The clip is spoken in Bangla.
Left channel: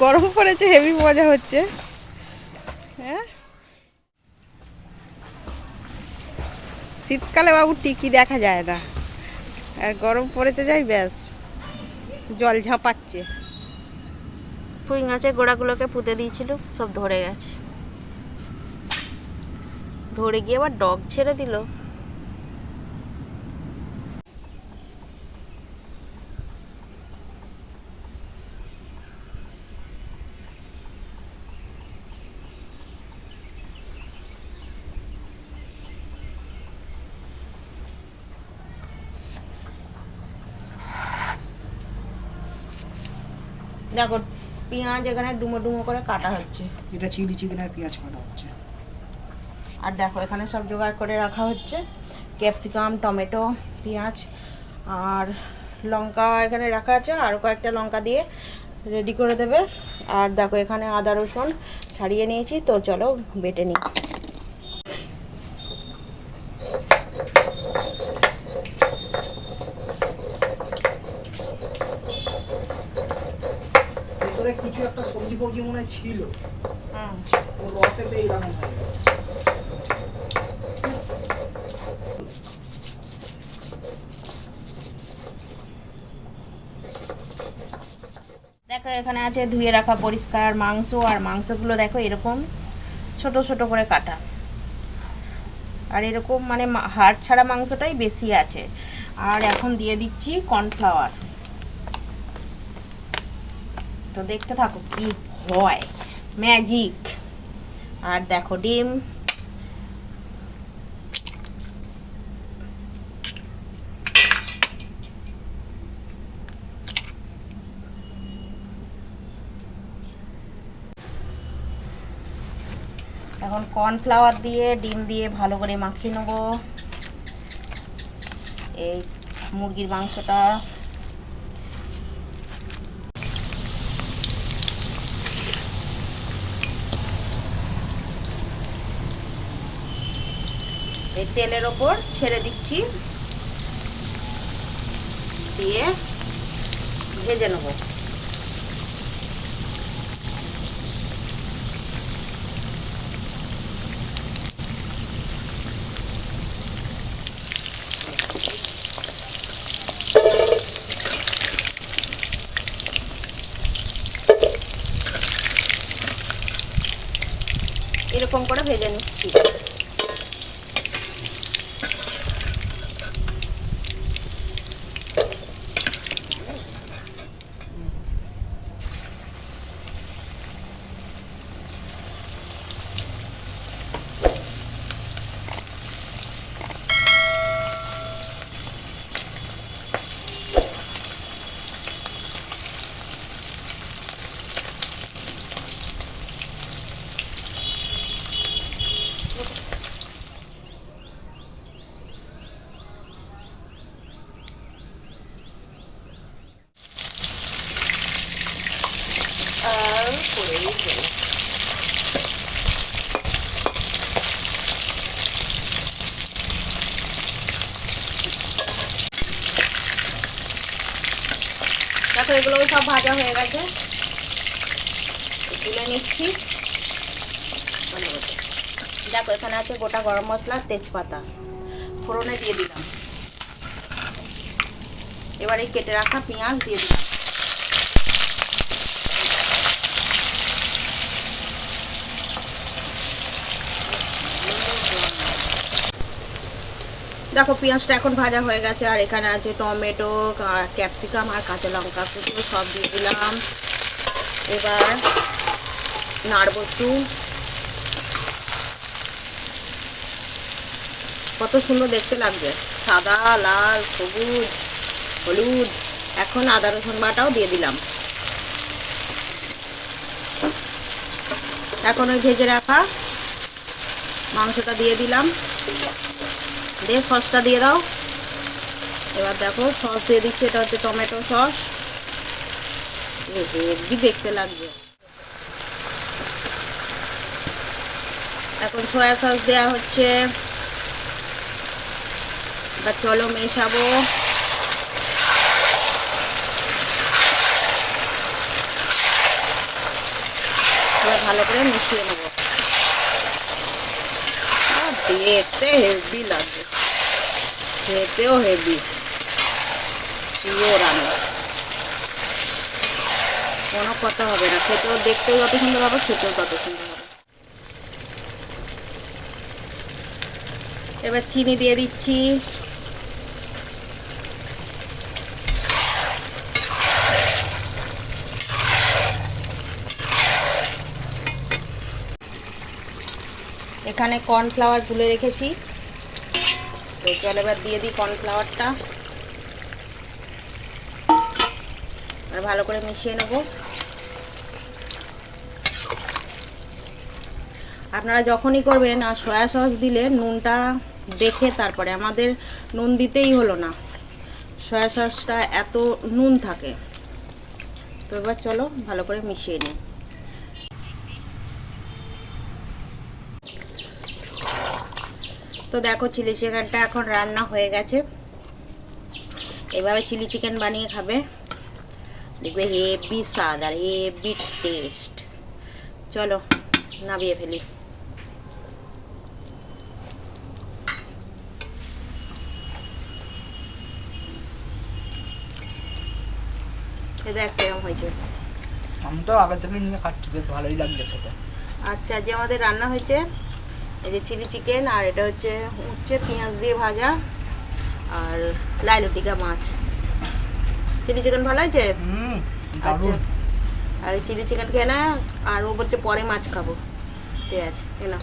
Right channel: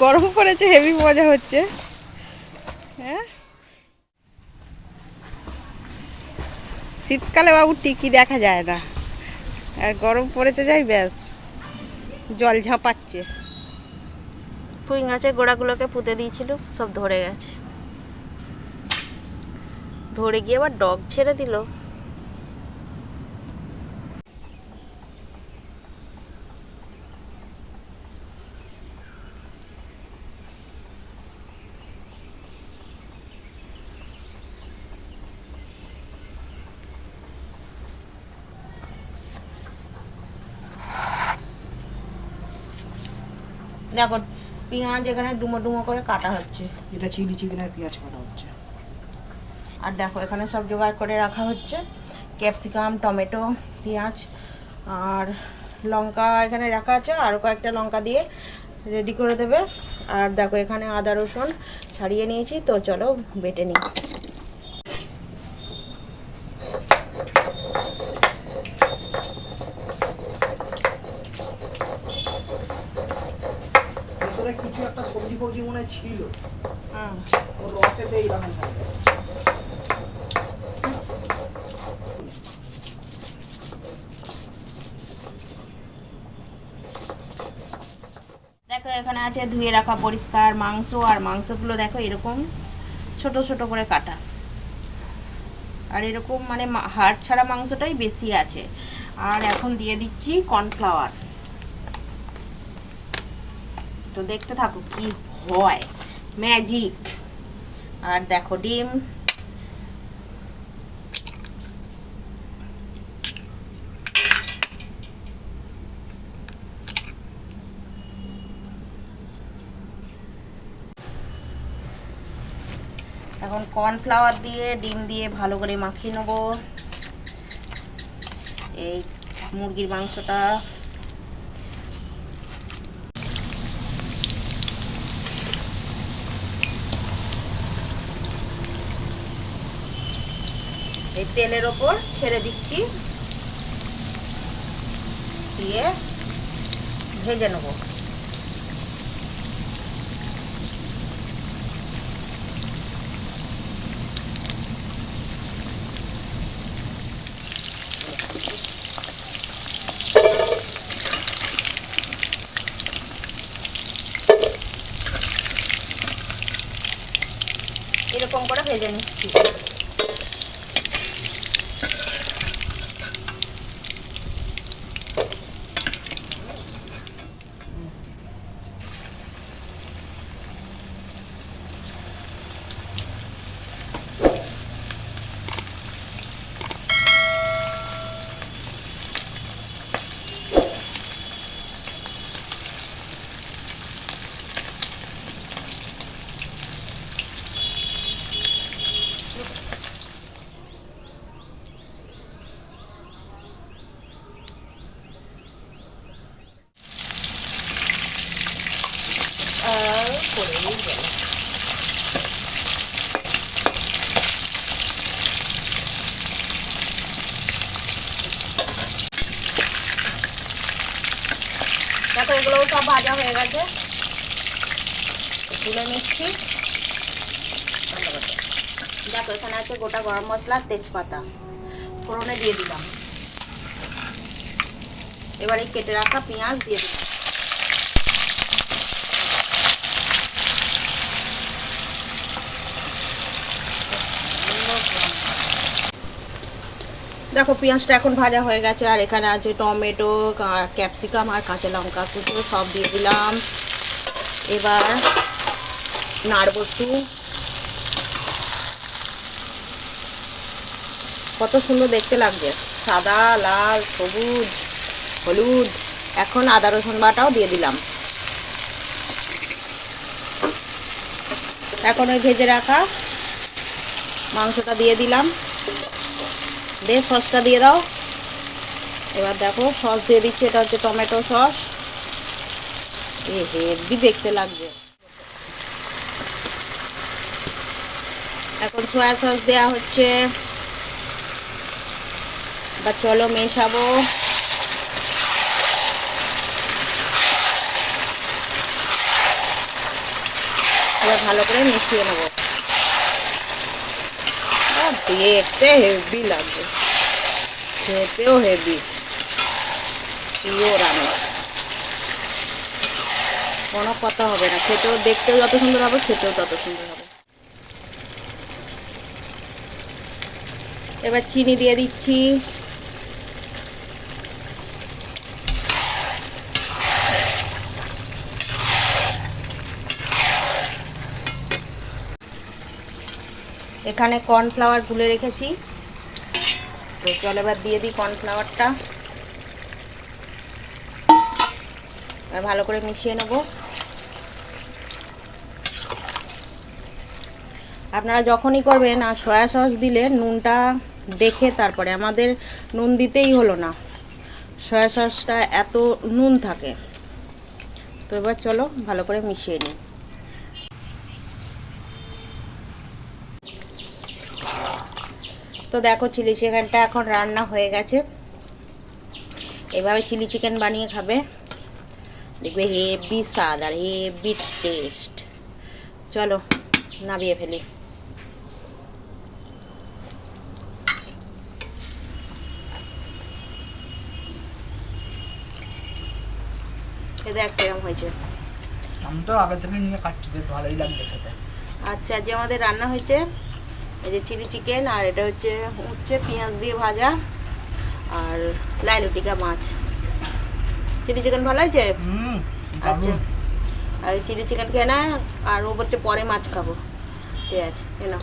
গরম পড়েছে হেভি মজা হচ্ছে। হ্যাঁ? শীতকালে বাবু টিকি দেখা যায় না। আর গরম পড়েছে যাই ব্যাস, জল ঝাঁপাচ্ছে। পুঁই গাছের গোড়াগুলোকে পুঁতে দিয়েছিল, সব ধরে গেছে। ধরে গিয়ে আবার ডগ ছেড়ে দিল। দেখো পেঁয়াজ এখানে ডুমো ডুমো করে কাটা হচ্ছে। এটা চিলি চিকেন আর পেঁয়াজ কাটা হচ্ছে। আর দেখো এখানে সব জোগাড় করে রাখা হচ্ছে। ক্যাপসিকাম টমেটো পেঁয়াজ আর লঙ্কা এখানে রাখা আছে। আরও কয়েকটা লঙ্কা দিয়ে রেডি করে দেবে। আর দেখো এখানে আদা রসুন ছাড়িয়ে নিয়েছি। তো চলো বেটে নিই। কিছু একটা সবজি ফবজি মনে ছিল। রসেতে এইরকম দেখো এখানে আছে ধুয়ে রাখা পরিষ্কার মাংস আর মাংসগুলো দেখো এরকম ছোট ছোট করে কাটা। আর এরকম মানে হাড় ছাড়া মাংসটাই বেশি আছে। আর এখন দিয়ে দিচ্ছি কর্নফ্লাওয়ার। তো দেখতে থাকো কি হয়। ম্যাজিক আর দেখো ডিম। এখন কর্নফ্লাওয়ার দিয়ে, ডিম দিয়ে ভালো করে মাখিয়ে নেব। এই মুরগির মাংসটা এই তেলের ওপর ছেড়ে দিচ্ছি। দিয়ে ভেজে নেব। এরকম করে ভেজে নিচ্ছি। দেখো এগুলোও সব ভাজা হয়ে গেছে। তুলে নিচ্ছি। দেখো, এখানে আছে গোটা গরম মশলা, তেজপাতা। ফোড়নে দিয়ে দিলাম। এবারে কেটে রাখা পেঁয়াজ দিয়ে দিলাম। দেখো, পেঁয়াজটা এখন ভাজা হয়ে গেছে, আর এখানে আছে টমেটো ক্যাপসিকাম আর কাঁচা লঙ্কা কুচো, সব দিয়ে দিলাম। এবার নাড়ব কত সুন্দর দেখতে লাগবে সাদা, লাল, সবুজ, হলুদ। এখন আদা, রসুন বাটাও দিয়ে দিলাম। এখন ওই ভেজে রাখা মাংসটা দিয়ে দিলাম। দিয়ে সসটা দিয়ে দাও। এবার দেখো, সস দিয়ে দিচ্ছি, এটা হচ্ছে টমেটো সস। হেভি দেখতে লাগবে? এখন সয়া সস দেওয়া হচ্ছে। এবার চলো মেশাবো। এবার ভালো করে মিশিয়ে নেব। দেখতে হেভি লাগে খেতেও হেভি রান্না কোনো কথা হবে না খেতেও দেখতেও যত সুন্দর হবে খেতেও তত সুন্দর হবে এবার চিনি দিয়ে দিচ্ছি এখানে কর্নফ্লাওয়ার গুলে রেখেছি। তো চল এবার দিয়ে দিই কর্নফ্লাওয়ারটা। ভালো করে মিশিয়ে নেব। আপনারা যখনই করবেন, আর সয়া সস দিলে নুনটা দেখে তারপরে, আমাদের নুন দিতেই হলো না। সয়া সসটা এত নুন থাকে। তো এবার চলো ভালো করে মিশিয়ে নিই। তো দেখো চিলি চিকেনটা এখন রান্না হয়ে গেছে। এভাবে চিলি চিকেন বানিয়ে খাবে। দেখবে হেভি স্বাদ আর হেভি টেস্ট। চলো নামিয়ে ফেলি। দেখ কেরম হয়েছে। আমি তো আগে থেকে নিয়ে খাচ্ছি বেশ ভালোই লাগছে খেতে। আচ্ছা যে আমাদের রান্না হয়েছে এই যে চিলি চিকেন আর এটা হচ্ছে উচ্ছে পেঁয়াজ দিয়ে ভাজা আর লাইলুটিকা মাছ। চিলি চিকেন ভালো আছে হুম আচ্ছা। আর চিলি চিকেন খেয়ে না আর ও বলছে পরে মাছ খাব। ঠিক আছে নাও।